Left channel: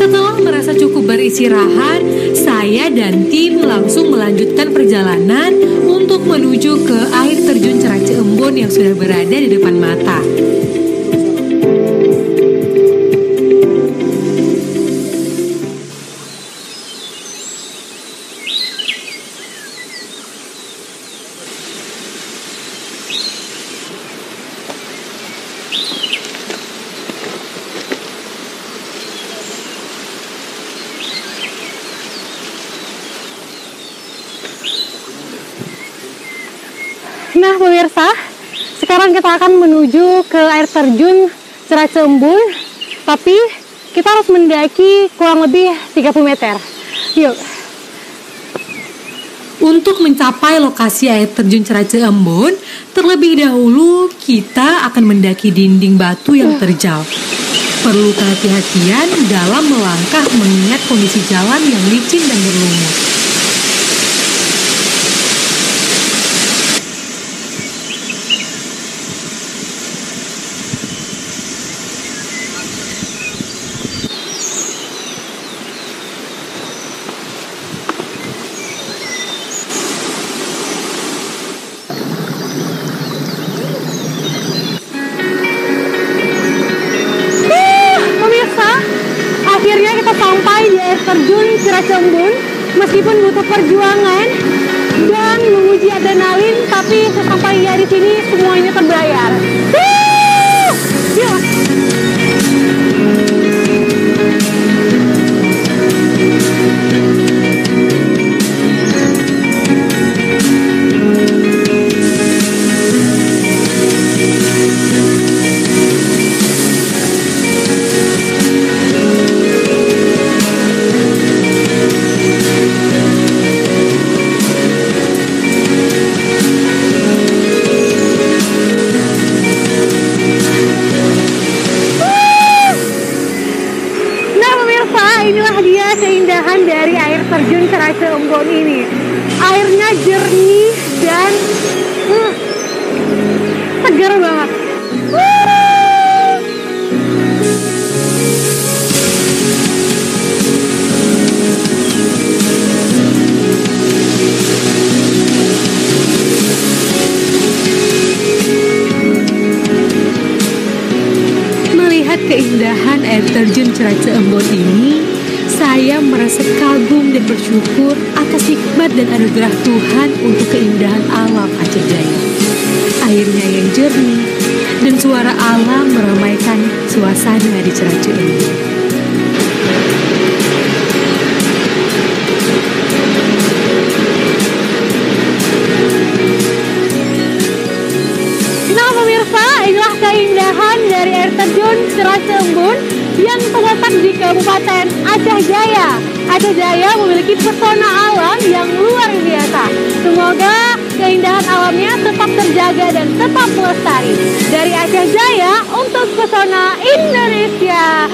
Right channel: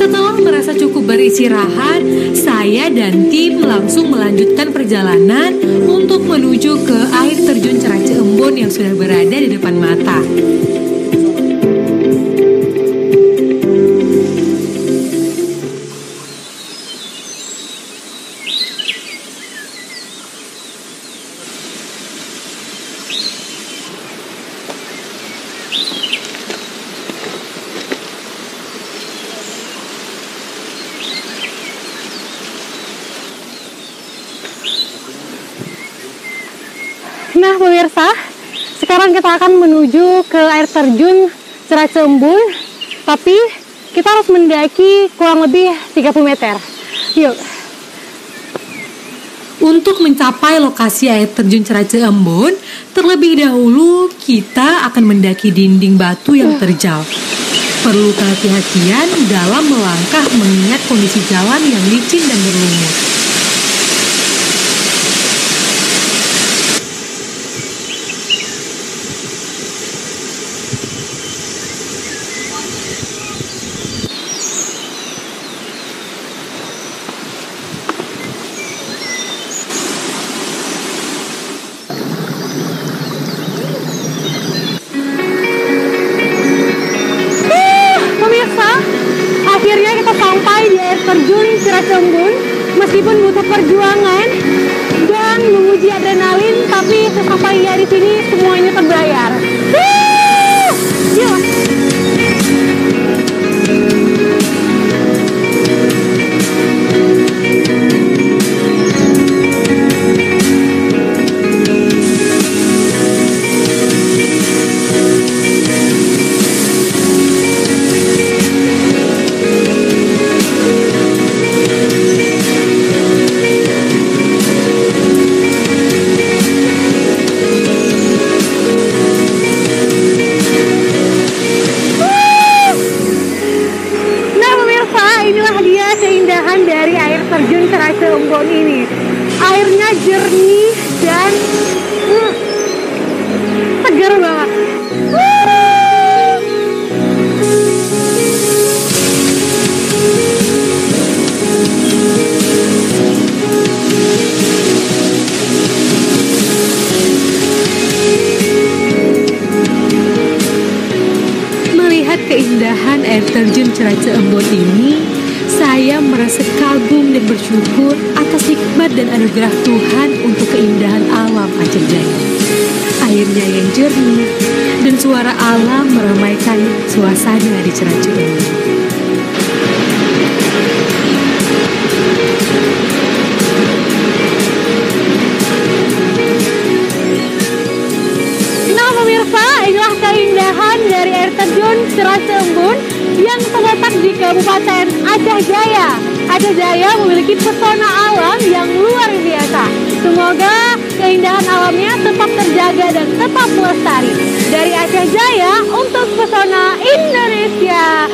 Setelah merasa cukup beristirahat, saya dan tim langsung melanjutkan perjalanan untuk menuju ke air terjun Cerace Embun yang sudah berada di depan mata. Nah pemirsa, sekarang kita akan menuju ke air terjun Cerace Embun, tapi kita harus mendaki kurang lebih 30 meter. Yuk. Untuk mencapai lokasi air terjun Cerace Embun, terlebih dahulu kita akan mendaki dinding batu yang terjal. Perlu kehati-hatian dalam melangkah mengingat kondisi jalan yang licin dan berlumut. Akhirnya kita sampai di air terjun Cerace Embun. Meskipun butuh perjuangan dan menguji adrenalin, tapi sesampainya di sini semuanya terbayar. Yuk. Inilah dia keindahan dari air terjun Cerace Embun ini. Airnya jernih dan segar banget. Melihat keindahan air terjun Cerace Embun ini, saya merasa kagum dan bersyukur atas nikmat dan anugerah Tuhan untuk keindahan alam Aceh Jaya. Airnya yang jernih dan suara alam meramaikan suasana di Cerace Embun. Nah pemirsa, inilah keindahan dari air terjun Cerace Embun yang terletak di Kabupaten Aceh Jaya. Aceh Jaya memiliki pesona alam yang luar biasa. Semoga keindahan alamnya tetap terjaga dan tetap melestari. Dari Aceh Jaya untuk Pesona Indonesia.